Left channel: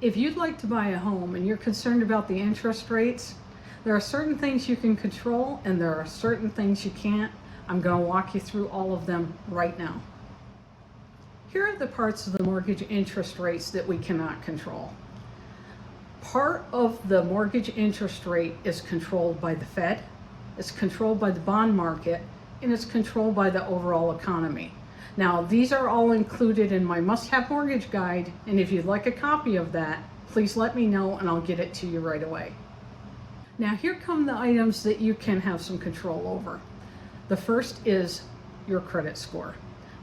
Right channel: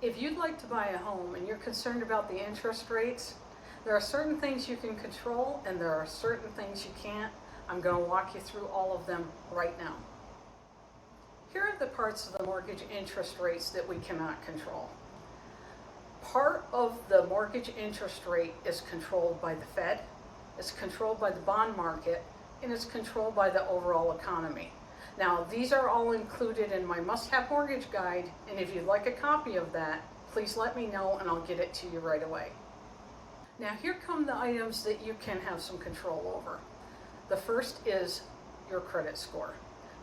If you'd like to buy a home and you're concerned about the interest rates, there are certain things you can control and there are certain things you can't. I'm going to walk you through all of them right now. Here are the parts of the mortgage interest rates that we cannot control. Part of the mortgage interest rate is controlled by the Fed, it's controlled by the bond market, and it's controlled by the overall economy. Now, these are all included in my must-have mortgage guide, and if you'd like a copy of that, please let me know and I'll get it to you right away. Now, here come the items that you can have some control over. The first is your credit score.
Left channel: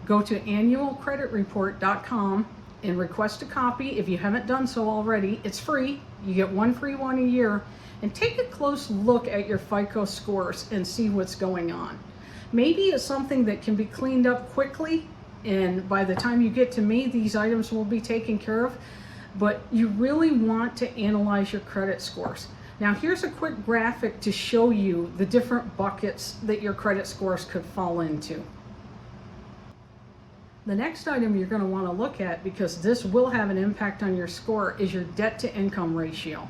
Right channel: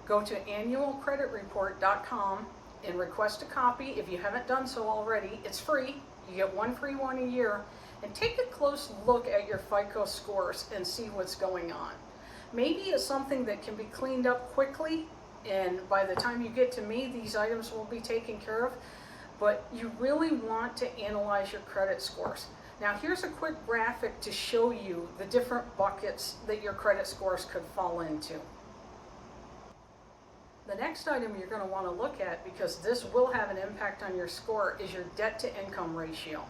Go to annualcreditreport.com and request a copy. If you haven't done so already, it's free. You get one free one a year. And take a close look at your FICO scores and see what's going on. Maybe it's something that can be cleaned up quickly, and by the time you get to me, these items will be taken care of. But you really want to analyze your credit scores. Now, here's a quick graphic to show you the different buckets that your credit scores could fall into. The next item you're going to want to look at, because this will have an impact on your score, is your debt to income ratio.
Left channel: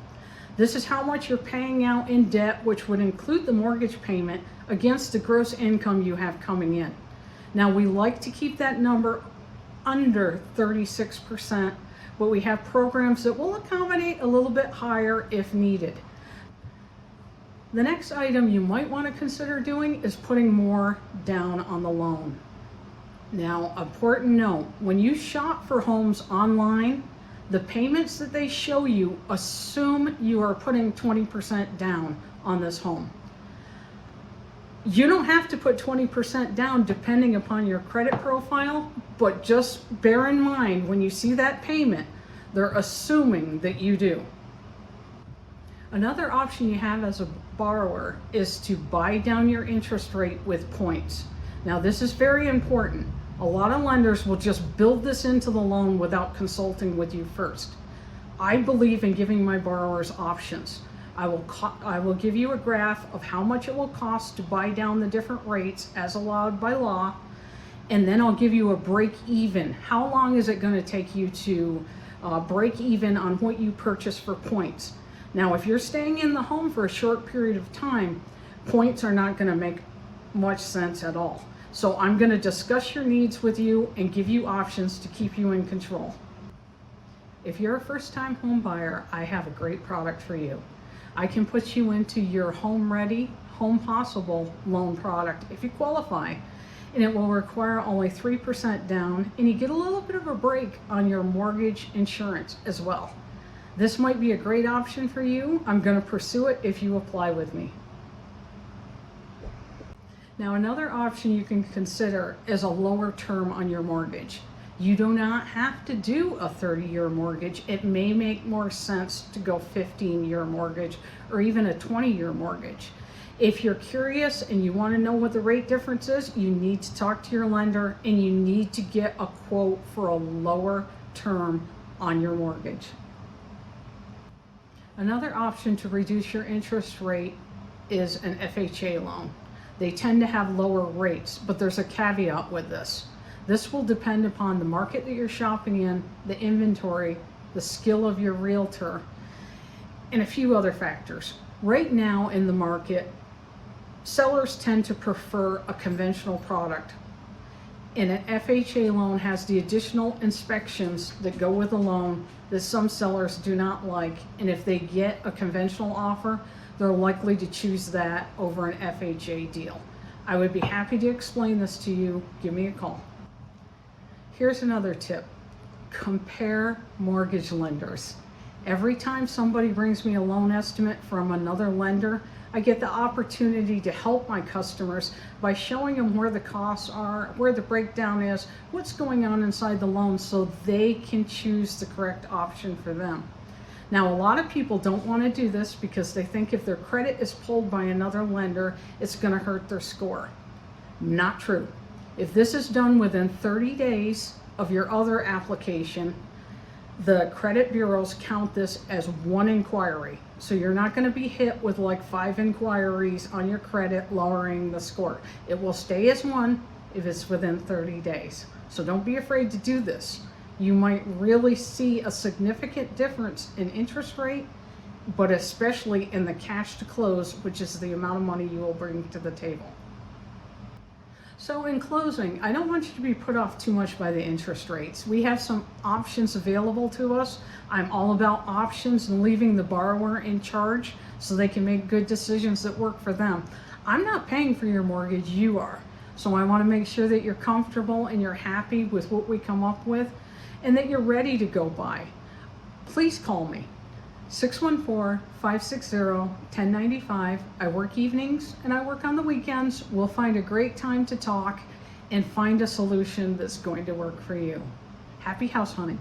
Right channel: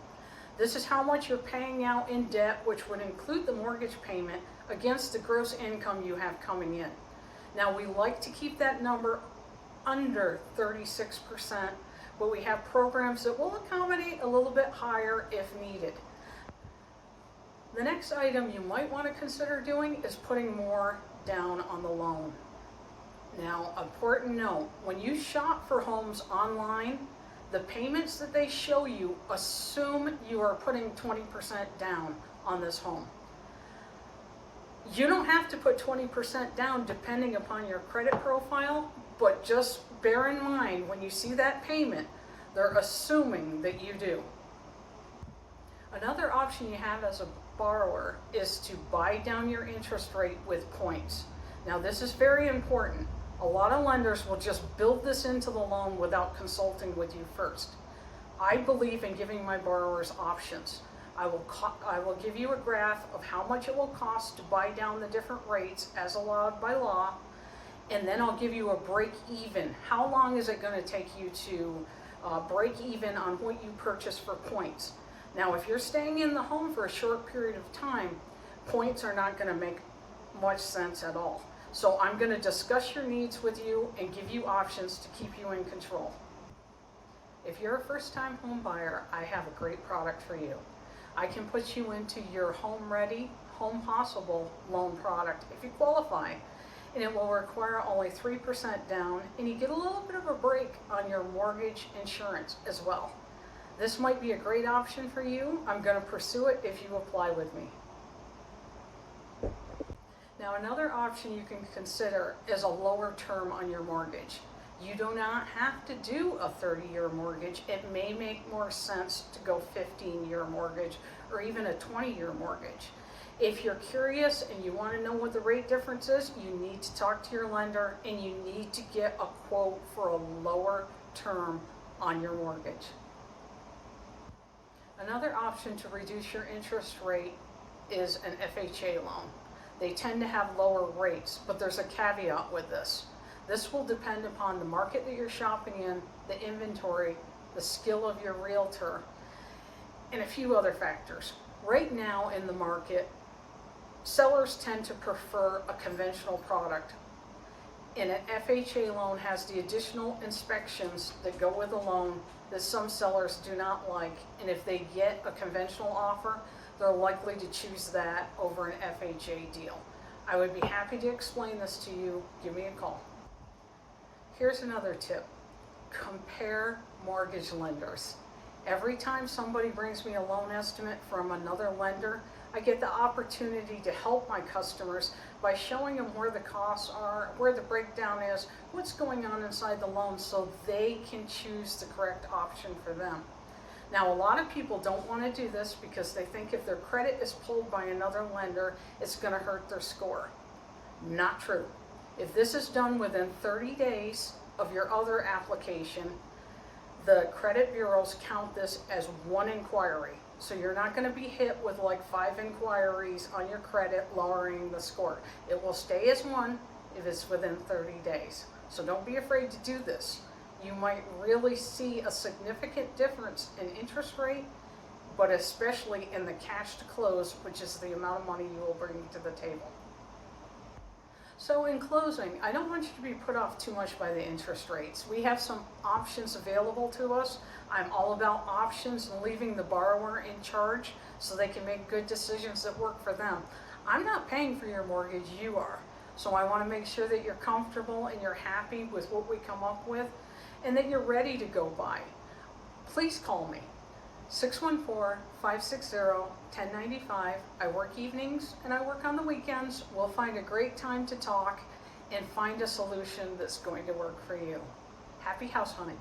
This is how much you're paying out in debt, which would include the mortgage payment, against the gross income you have coming in. Now, we like to keep that number under 36%, but we have programs that will accommodate a little bit higher if needed. The next item you might want to consider doing is putting more down on the loan. Now, important note, when you shop for homes online, the payments that they show you assume you are putting 20% down on this home. You don't have to put 20% down depending upon your credit profile, but just bear in mind when you see that payment, they're assuming that you do. Another option you have as a borrower is to buy down your interest rate with points. Now, this is very important. A lot of lenders will just build this into the loan without consulting with you first. I believe in giving my borrowers options. I will give you a graph of how much it will cost to buy down the different rates as allowed by law, and then I'll give you a break even. How long is it going to take you to break even on what you purchase for points? Now, if you're staying in the home for a short period of time, points are not going to make much sense at all. So I'm going to discuss your needs with you and give you options to keep you in control. If you're a first-time home buyer, I have a great product for you. I can put you into your Home Ready, Home Possible loan product if you qualify, and it will require only 3% down, and you get a little bit of a break on your mortgage insurance as well. This might be a great option for you. I'm going to pursue it if you apply with me. Now, another option you can consider is a lower term on your mortgage. You do not have to do a 30-year mortgage. It may make more sense to go 15-year mortgage or even a 20-year mortgage. If you're curious and you want to know what the rate difference is, you need to talk to your lender and you need to get a quote for a lower term on your mortgage. Another option to reduce your interest rate is an FHA loan. They tend to have lower rates, but there's a caveat with this. This will depend upon the market that you're shopping in, the inventory, the skill of your realtor, and a few other factors. Right now in the market, sellers tend to prefer a conventional product, and an FHA loan has the additional inspections that go with a loan that some sellers do not like, and if they get a conventional offer, they're likely to choose that over an FHA deal. I would be happy to explain this to you. Give me a call. Here's another tip. Compare mortgage lenders. Every time somebody brings me a loan estimate from another lender, I get the opportunity to help my customers by showing them where the costs are, where the breakdown is, what's going on inside the loan so they can choose the correct option for them. Now, a lot of people don't want to do this because they think if their credit is pulled by another lender, it's going to hurt their score. Not true. If this is done within 30 days of your other application, the credit bureaus count this as one inquiry. So you're not going to be hit with like 5 inquiries on your credit lowering the score. It will stay as one if it's within 30 days. So don't be afraid to do this. you might really see a significant difference in interest rate, but especially in the cash to close, which is the amount of money you will bring to the table. So in closing, I don't want you to be put off too much by the interest rates. We have some options available to us. I'm all about options and leaving the borrower in charge so they can make good decisions that work for them. I'm not paying for your mortgage, you are. So I want to make sure that you're comfortable and you're happy with what we come up with and that you're ready to go buy. Please call me. 614-560-1095. I work evenings and I work on the weekends. We'll find a great time to talk and find a solution that's going to work for you. Happy house hunting.